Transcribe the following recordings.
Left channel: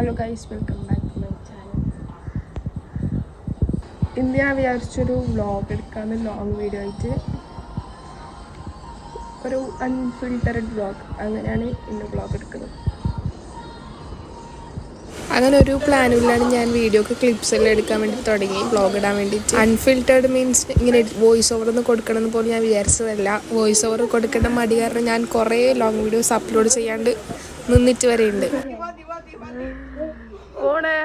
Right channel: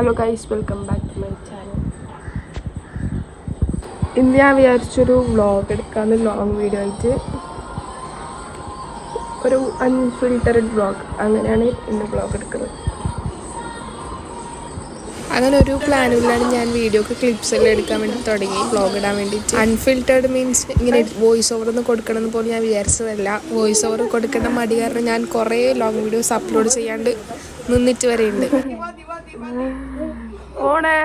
Hello guys, welcome back to my channel. ഇന്ന് ഞാൻ വിചാരിച്ചൊരു വ്ളോഗ് എടുക്കാമെന്ന്, ലോങ് വീഡിയോ ആയിട്ട് ഒരു അൺഫിൽറ്റർഡ് വ്ളോഗ്. അങ്ങനെയാണ് ഇന്ന് വ്ളോഗ് എടുക്കുന്നത്. അങ്ങനെ ഒരു പ്ലാനും ഇല്ലാണ്ട് ഞാൻ വീഡിയോക്ക് ക്ലിപ്സ് എല്ലാം എടുക്കാൻ വേണ്ടി തുടങ്ങി, വ്ളോഗ് ഇടാൻ വേണ്ടിയിട്ട്. അൺഫിൽറ്റർഡ് മീൻസ് ഇങ്ങനെ വോയിസ് ഓവർ ഒന്നും കൊടുക്കണമെന്ന് പോലും ഞാൻ വിചാരിച്ചതല്ല. വോയിസ് ഓവർ കൊടുക്കേണ്ട മടി കാരണം ഞാൻ കുറേ ലോങ് വീഡിയോസ് അപ്ലോഡ് ചെയ്യാണ്ട് നിന്നിട്ട് വരെയുണ്ട്. ഓണേ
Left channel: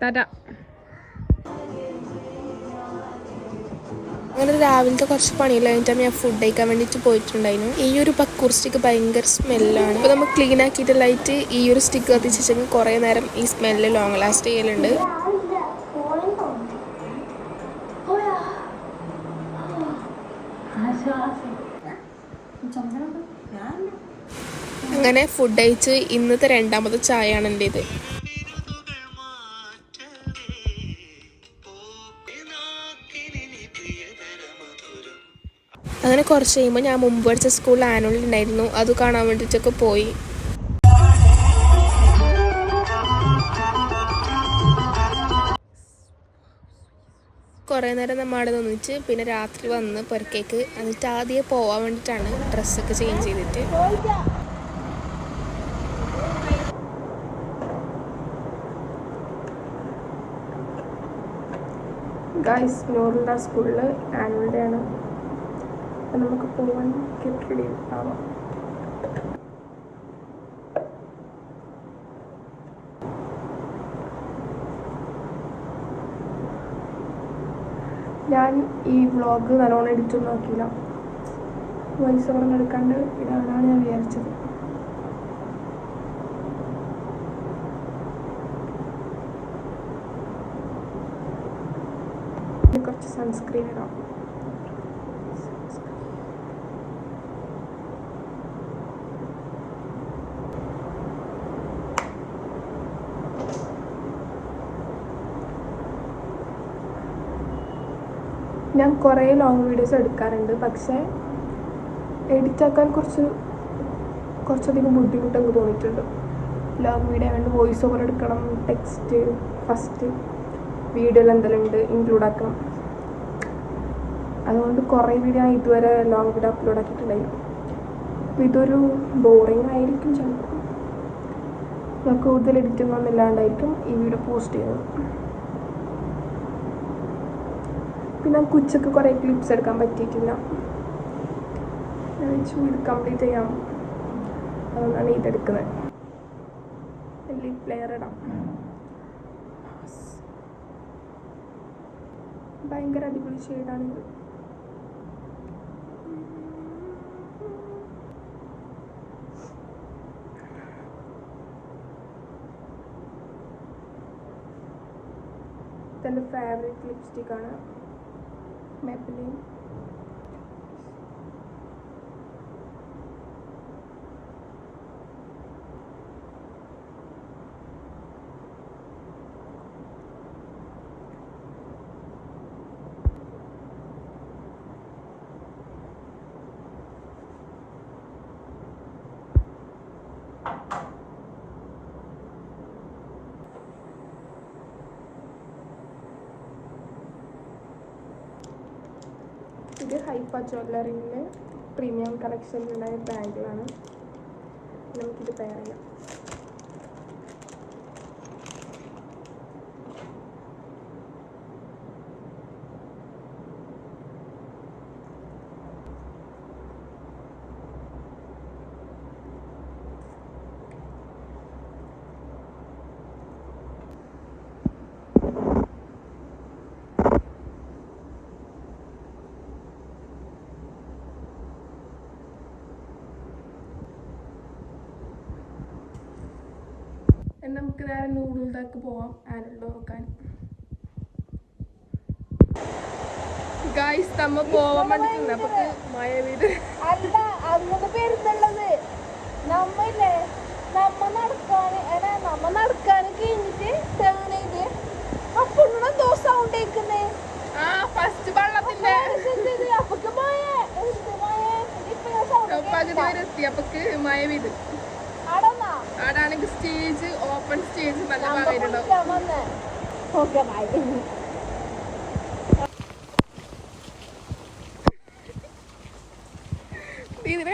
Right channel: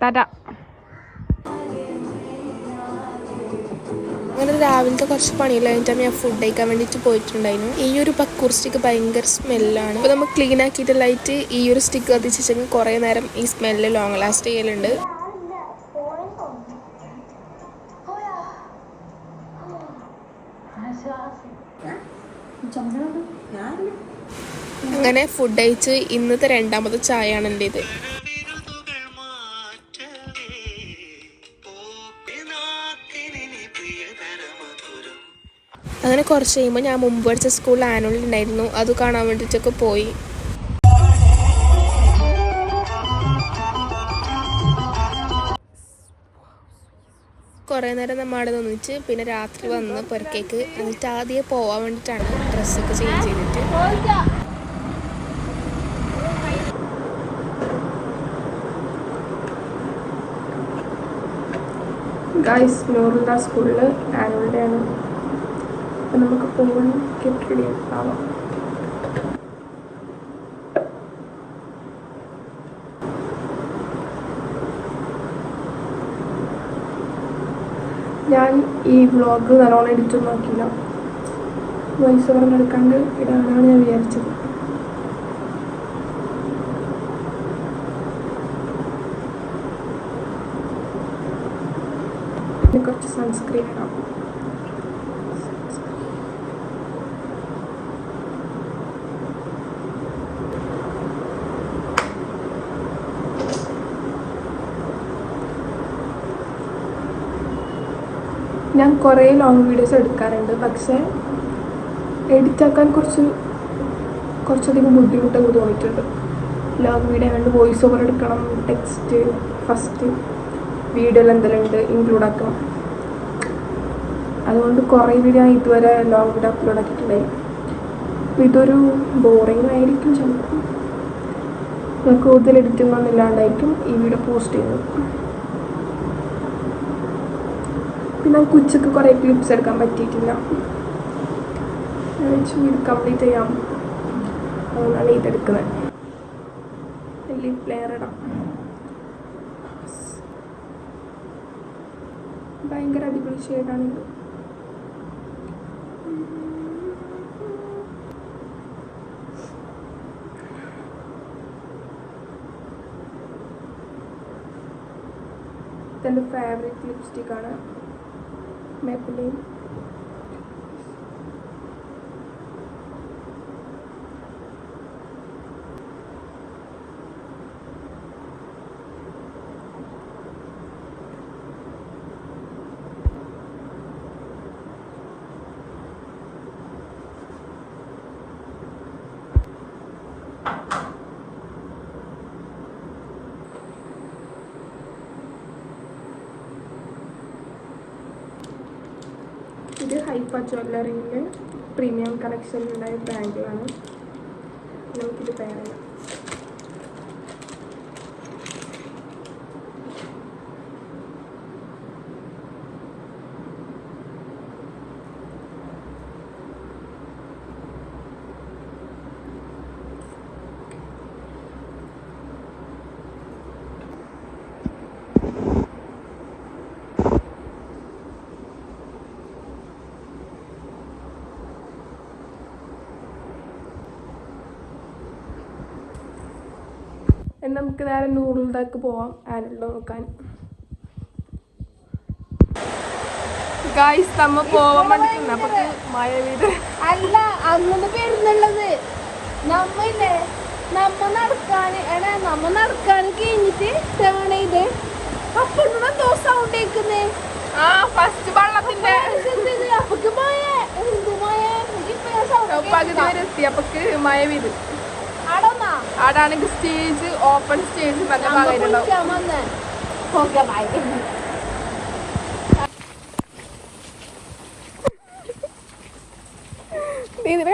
ടാറ്റ. അങ്ങനെ രാവിലത്തെ കുറച്ച് പണിയെല്ലാം കഴിഞ്ഞിട്ട് ഞാൻ ഫുഡ് കഴിക്കാൻ വേണ്ടിയിട്ട് പോയിട്ടുണ്ടായിരുന്നു. ഈ ഒരു പക്കൂർ സ്റ്റിക്ക് ഭയങ്കര സ്മെല്ലാണ്. അപ്പോൾ നമ്മൾ ക്ലീൻ ആക്കിയിട്ടില്ലായിട്ട് ഈ ഒരു സ്റ്റിക്ക് കത്തിച്ചെങ്കിൽ കുറേ നേരം ഈ സ്മെല്ല് ലോങ് ലാസ്റ്റ് ചെയ്യലുണ്ട്. അങ്ങനെ ഫുഡ് കഴിച്ച് ഇന്നത്തെ രണ്ടാമത്തെ ചായയാണ് എൻ്റെ ഇത്. അങ്ങനെ കുറച്ച് കഴിയുമ്പോൾ ഞാൻ മുമ്പ് പഠിച്ച സ്കൂളിൽ ആനുവൽ ഉണ്ടായിരുന്നു, അത് കാണാൻ വേണ്ടിയിട്ടൊക്കെ പോയി. കുറേ നേരം നമ്മൾ അവിടെ നിന്നിട്ട് പിന്നെ രാത്രി വന്ന് പുറക്കേക്ക് എന്നിട്ട് ആദ്യം പോകാൻ വേണ്ടിയിട്ടാണ് ഡ്രസ്സൊക്കെ ചേഞ്ച് ചെയ്തിട്ട്. ഗൈസ്, നൂറുള്ള സ്കൂളിൽ ആനുവൽ ഡേ ആണ്. അപ്പം നമുക്ക് പോയി ഗെറ്റ് റെഡി ആവാം. ഞാൻ ഈ വ്ളോഗ് നല്ലോണം എഡിറ്റ് നോക്കിയില്ല, വോയിസ് ഓവർ എടുക്കാണ്ട് ഇടാനാണ് ഞാൻ വിചാരിച്ചത്. കുറച്ച് സൺസ്ക്രീൻ ഇടാം. ഞാൻ കുറേ ലോങ് വീഡിയോസ് എടുക്കാറുണ്ട്, പക്ഷേ എഡിറ്റാക്കാൻ കുറച്ചധികം ബുദ്ധിമുട്ടൊക്കെ തോന്നിയിട്ടുണ്ട്. ലോങ് വീഡിയോ ആയതുകൊണ്ട് വോയിസ് ഓവർ എടുക്കണം, ടെക്സ്റ്റ് ഫസ്റ്റ് വീഡിയോയിൽ എന്തെല്ലാം ഉണ്ട് ഇൻക്ലൂഡ് ആക്കണം. അതുകൊണ്ട് കുറേ വീഡിയോ ഞാൻ ഇതുവരെ ലോങ് വീഡിയോ അപ്ലോഡ് ആക്കിയിട്ടുണ്ടായി. അപ്പോൾ ഇതൊരു ബോറിംഗ് ആയിരിക്കും ചിലപ്പോൾ. ഞാൻ കൂടുതൽ എഡിറ്റിംഗ് ഒന്നും ഇല്ലാണ്ടായിരിക്കും ഈ വീഡിയോ പോസ്റ്റ് ചെയ്തത്. പിന്നെ ഉച്ചക്ക് കുറേ ക്ലിപ്സ് എടുക്കാൻ പറ്റിയിട്ടില്ല. വീട് കംപ്ലീറ്റ് ചെയ്യാം, അതുകൊണ്ടാണ് ഇതെടുക്കുന്നത്. ലിപ് പ്ലെയർ ഇടാം. ഭയങ്കര അടിപൊളി ഷെയ്ഡാണിത്. ഇതെൻ്റെ ഫേവറേറ്റ് ലിപ്സ്റ്റിക്കാണ്, Maybelline. ഇത് ഹൈപ്പ ജ്വല്ലറിൻ്റെ പ്രീമിയം കളക്ഷനിലുണ്ടായ ബാങ്കിളാണ്. നമുക്കിത് പെയർ ചെയ്യാം. നമുക്ക് നേരെ നൂറിലേക്ക് പോവാം ആനുവൽ നോക്കാൻ. ഗായ്സ്, നമ്മ പോവാൻ വേണ്ടി അപ്പൊ മഴ പെയ്ത് അല്ല അന്ന് പേരുന്നുള്ളത് നമ്മ നടക്കാൻ കഴിഞ്ഞിട്ട് ടേൺ ചെയ്ത് അപ്പൊ എന്തോ സൗണ്ട് കേൾക്കുന്നേ. ഫസ്റ്റ് വെള്ളത്തിന്റെ അപ്പൊക്ക് മഴ പകുതി വരെ എത്തിയപ്പോക്ക് മഴ പെയ്ത്. ആടാണെങ്കിൽ സ്റ്റേജ് ഓപ്പൺ സ്റ്റേജ് നല്ല ഭാഗമായിട്ടുണ്ടാവും.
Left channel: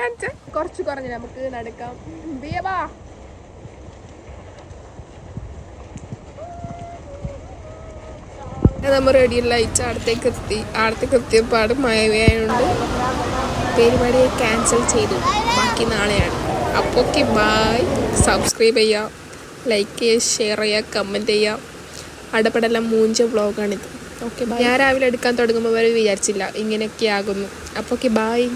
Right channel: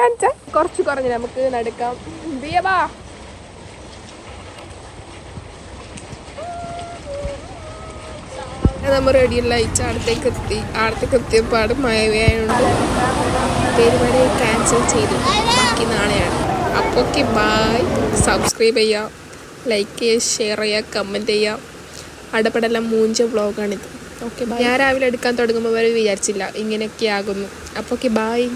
കാണിച്ച കുറച്ച് കുറഞ്ഞു നമുക്ക് നടക്കാം. നമ്മൾ റെഡിയുള്ള അയച്ച് അടുത്തേക്ക് എത്തിയപ്പോൾ മഴയായതുകൊണ്ട് പരിപാടി ക്യാൻസൽ ചെയ്തു. ബാക്കി നാളെയാണ്. അപ്പോൾ ഓക്കെ, ബായ്. സബ്സ്ക്രൈബ് ചെയ്യുക, ലൈക്ക് ചെയ്യുക, ഷെയർ ചെയ്യുക, കമൻറ്റ് ചെയ്യുക. അടപടെല്ലാം മൂഞ്ച വ്ളോഗാണിത്. ഓക്കെ, ഞാൻ രാവിലെ എടുക്കാൻ തുടങ്ങുമ്പോൾ വരെ വിചാരിച്ചില്ല ഇങ്ങനെയൊക്കെ ആകുന്നു. അപ്പോൾ ഓക്കെ, ബായ്.